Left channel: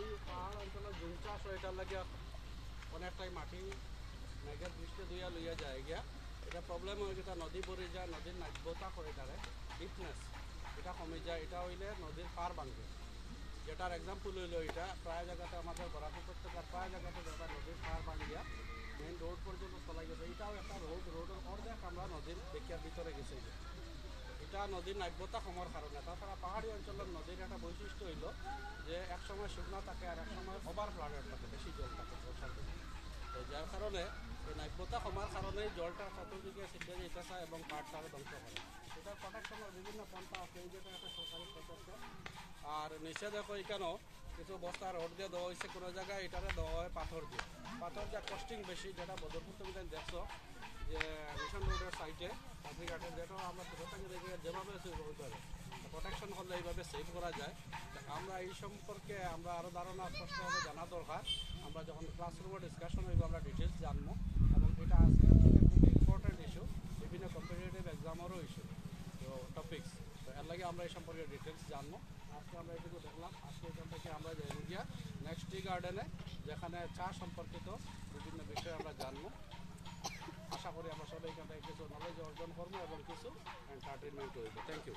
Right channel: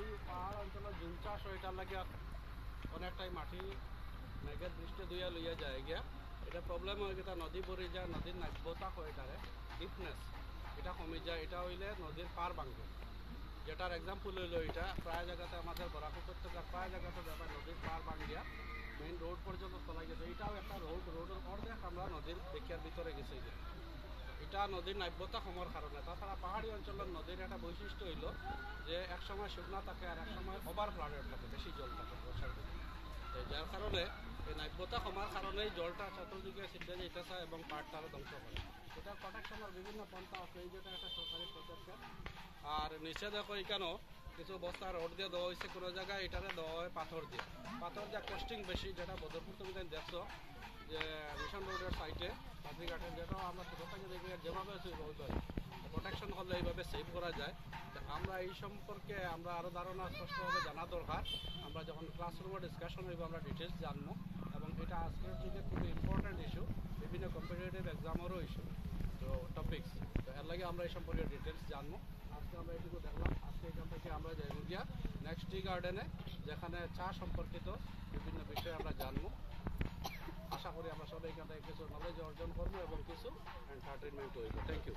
এই পাহাড় অঞ্চলের জুম চাষ হয় এটার লাগে অনেকটাই মাটি মেঘের দৃষ্টি দুইয়া লইয়া যায় গিয়া। এটা প্রবলেম হয় যেটা নদী ভরে যায়, নদীর নাব্যতা হয়ে দাঁড়ে, ডিপনেস এটা কমে যায়। এটা হইলে নদীর পার ভাঙবে, যেটার এক্সাম্পল হইলো এটা প্রায় জায়গাতে আমাদের বরাক উপত্যকার প্রায় জায়গাতে ব্যাপার নদীর পার ভাঙিয়া মেইন রোড পর্যন্ত চলা গেছে। এটাও একটা রোডের অর্ধেক আমরা নদীর দিকের ভিতরে গেছে গিয়ে। এটা নদীর নাব্যতা কমার কারণে। তাছাড়া পাহাড়ি অঞ্চলের নদীর একটা বৈশিষ্ট্য হইল যে একসময় শুকনা থাকে আর একসময় ওভার ফ্লাডেড থাকে, বেশি জল থাকে বর্ষার দিনে। যার কারণে এই নাব্যতা কমার কারণেই জলটা চতুর্দিকে ছিটে যেতেছে এবং পাহাড়টাও ধ্বংস করে। এটা প্রোটেকশনের বিভিন্ন পন্থা আছে, এই যেটা একটা সরকারি পদক্ষেপ। আর নিচে দেখো এখানেও কিছু বস্তা রোড দিয়ে দেওয়া হয়েছে, কোনো জায়গায় এটারে দেওয়া হয় পাথর দিয়ে। পাথর দিয়ে কস্টিং বেশি, যেটা বদরপুর তুমি দেখছো যে মিশন রোডের সাইডে পাখিঘাটের, যেটাও আমরা ছোটো থেকে দেখি যেভাবে প্রোটেকশন করলে এইভাবে সেভ করা যায়। আমরা এই সম্পর্কে আমরা আরও ধারণা স্পষ্টভাবে জানা দরকার। আমরা যখন ক্লাসরুমে ডিসকাশন হইব আমরা ডিটেলস জানবো, এবং এটা আজকে খুব ইম্পর্টেন্ট ইস্যু, বিভিন্ন কম্পিটিটিভ এক্সামেরও ইস্যু তো টপিক্স। তো এর লাগে আমরা এই সম্পর্কে ডিটেলস জানবো। আজকে আমরা এটুকু দেখলাম। আজকে এখান থেকে আমরা যাই গিয়া নেক্সট টি গার্ডেনে, যেখানে চা সম্পর্কিত বিভিন্ন বিষয় আমরা জানবো। আশা করি আমরা সবাই এখান থেকে কিছু নলেজ অর্জন করবো এবং কিছু এন্টারটেনমেন্ট হইব। Thank you.